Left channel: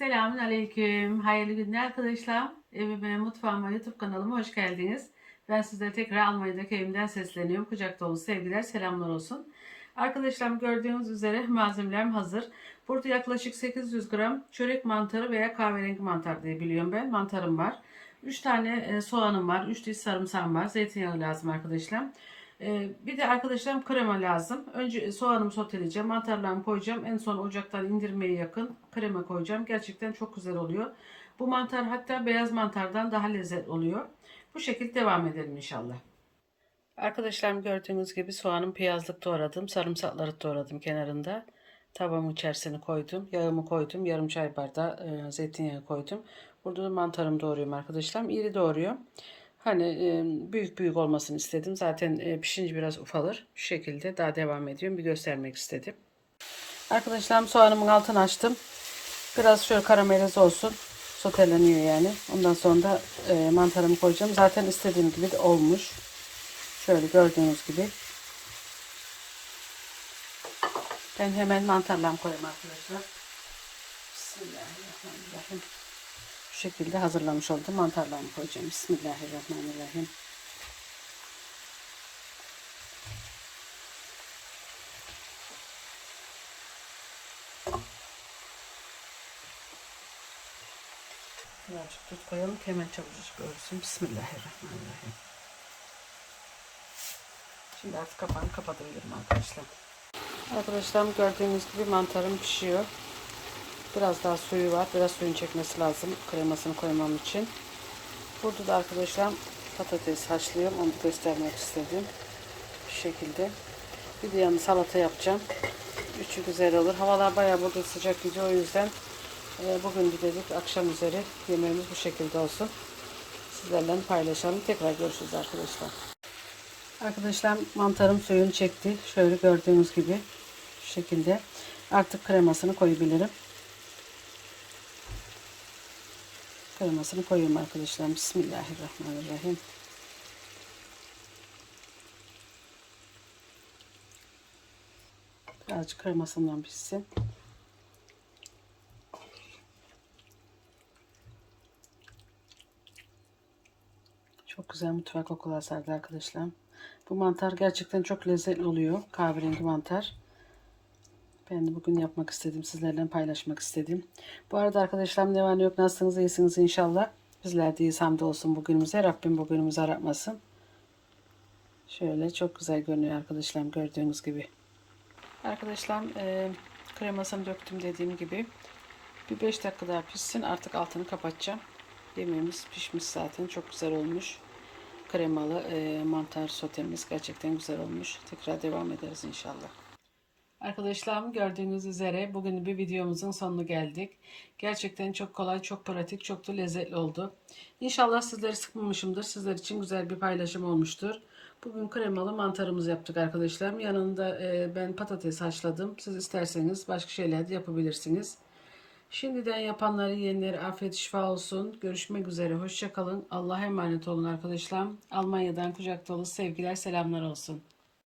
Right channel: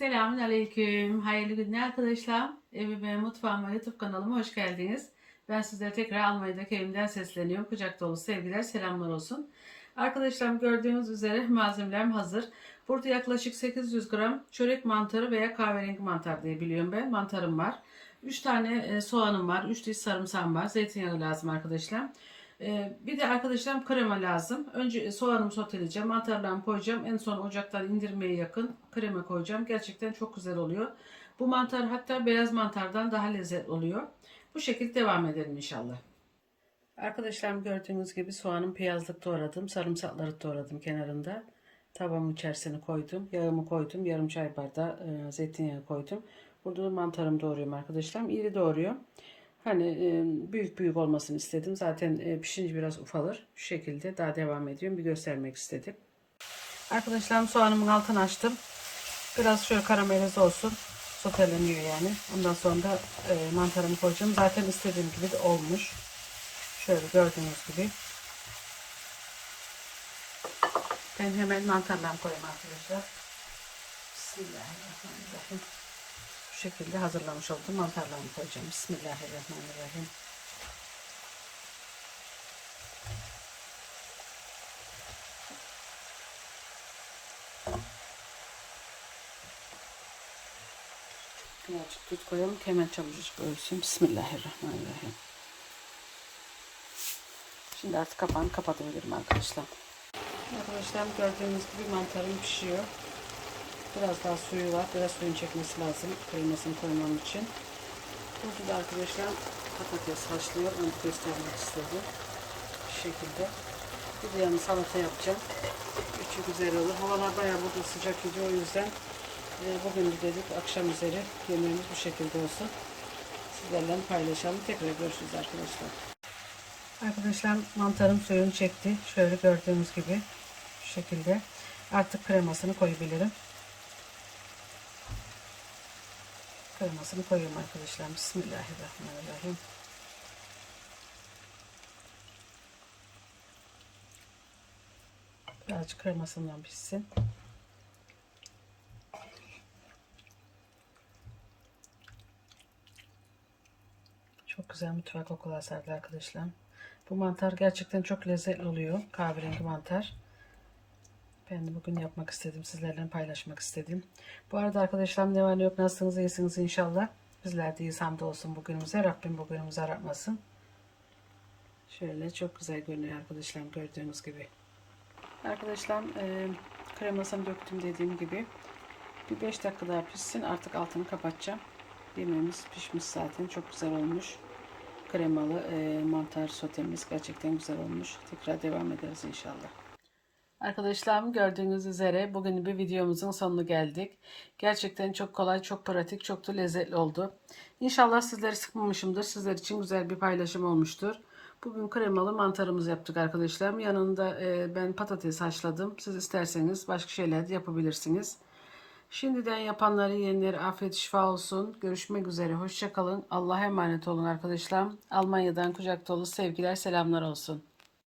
Selamun Aleyküm. Hayırlı günler arkadaşlar. Evime, mutfağıma, YouTube kanalıma hoş geldiniz. Ben sizlere tekrar Almanya'daki evimden sesleniyorum. Kucak dolu sevgiler, selamlar olsun. Arkadaşlar gördüğünüz üzere malzemelerim hazır. Burada yaklaşık 800 gram çörek mantarı veya kahverengi mantar diye biliyorum ben. Mantarım var. 3 tane e, soğanım var. 3 diş sarımsağım var. Zeytinyağı lazım arkadaşlar. E, Bir de arkadaşlarım krema lazım. Önce soğanımı soteleyeceğim. Mantarlarımı koyacağım. En son ocaktan indirmeye yakın krema koyacağım. Gerçekten çok güzel oluyor. Bu mantar hatta beyaz mantardan daha lezzetli oluyor. Bu şekilde devam edelim inşallah. Arkadaşlarım gördüğünüz gibi soğanım piyazlık doğradım. Sarımsakları doğradım kenarında. Tavamın içerisine koydum. Yağımı koydum. Yarım çay bardağı e, zeytinyağı koydum. Burada da mantarımı doğruyorum arkadaşlar. İri doğruyorum. Hani büyük büyük olmasını istedim. Zaten pişince biraz ufalır. Şu şekilde daha devam ediyorum. Bir göstermek istedim. Arkadaşlarım soğanımın altını açtım. Biraz şöyle karamelize olsun. Soteleniyor yani. Ondan sonra da mantarımı koyacağım. Zaten istediğim gibi de olmuş. Şöyle gördüğünüz gibi. Ben hemen mantarlarımı koyayım arkadaşlar. Bismillahirrahmanirrahim. Şekilde hazırlamış oldum. Mantarlarımı koyacağım. Bismillahirrahmanirrahim. Birazcık tuz koyalım ki hemen çabucak ölsün. Bismillahirrahmanirrahim. Şimdi artık kapağını kapatabilirim arkadaşlar. Arkadaşlar gördüğünüz gibi mantarım pişiyor. Biraz daha suyu var. Biraz suyun çekmesi lazım kremasını koymam için. Burada da arkadaşlar patates haşlıyorum. Onu göstermek istedim. Şu şekilde. Bir de yanı salata yapacağım. Üçü güzel olur. Havalar bayağı burada sıcak gidiyor. O yüzden e, bugün bir akşam üzeri yemeğimiz bu şekilde olsun. Sizlerle paylaşalım. Tekrar görüşürüz arkadaşlar. Arkadaşlar mantarım suyunu çekti. Şöyle gördüğünüz gibi şu şekilde. Artık kremasını koyabilirim. Kremasını koyayım arkadaşlar. Bismillahirrahmanirrahim. Birazcık kremasından pişsin. Çok güzel mutfak kokular sardı arkadaşlar. Bu mantar gerçekten çok lezzetli oluyor. Kahverengi mantar. Ben de bugün yapmak istedim. Sizlerle paylaşmak istedim. Bu arada arkadaşlar ne var ne yok nasılsınız iyisiniz inşallah. Bizler de iyiyiz hamdi olsun bugünümüze. Rabbim bugünümüzü aratmasın. Şöyle çok güzel görünüyor arkadaşlar gördüğünüz gibi. Arkadaşlar e, kremasını döktüm dediğim gibi. Bir 5 dakika daha pişsin. Artık altını kapatacağım. Yemeğimiz pişmiş zaten. Çok güzel olmuş. Kremalı e, mantar sotemiz gerçekten güzel olmuş. Tekrar devam ederiz inşallah. Arkadaşlarım gördüğünüz üzere bugün bir videomuzun sonuna geldik. Gerçekten çok kolay, çok pratik, çok da lezzetli oldu. İnşallah sizleri sıkmamışımdır. Sizler için güzel bir paylaşım olmuştur. Bugün kremalı mantarımızı yaptık arkadaşlarım. Yanında e, ben patates haşladım. Siz isterseniz başka şeyler de yapabilirsiniz. Şimdiden yapanların yenileri afiyet şifa olsun. Görüşmek üzere. Hoşçakalın. Allah'a emanet olun arkadaşlar. Almanya'dan kucak dolu sevgiler, selamlar olsun.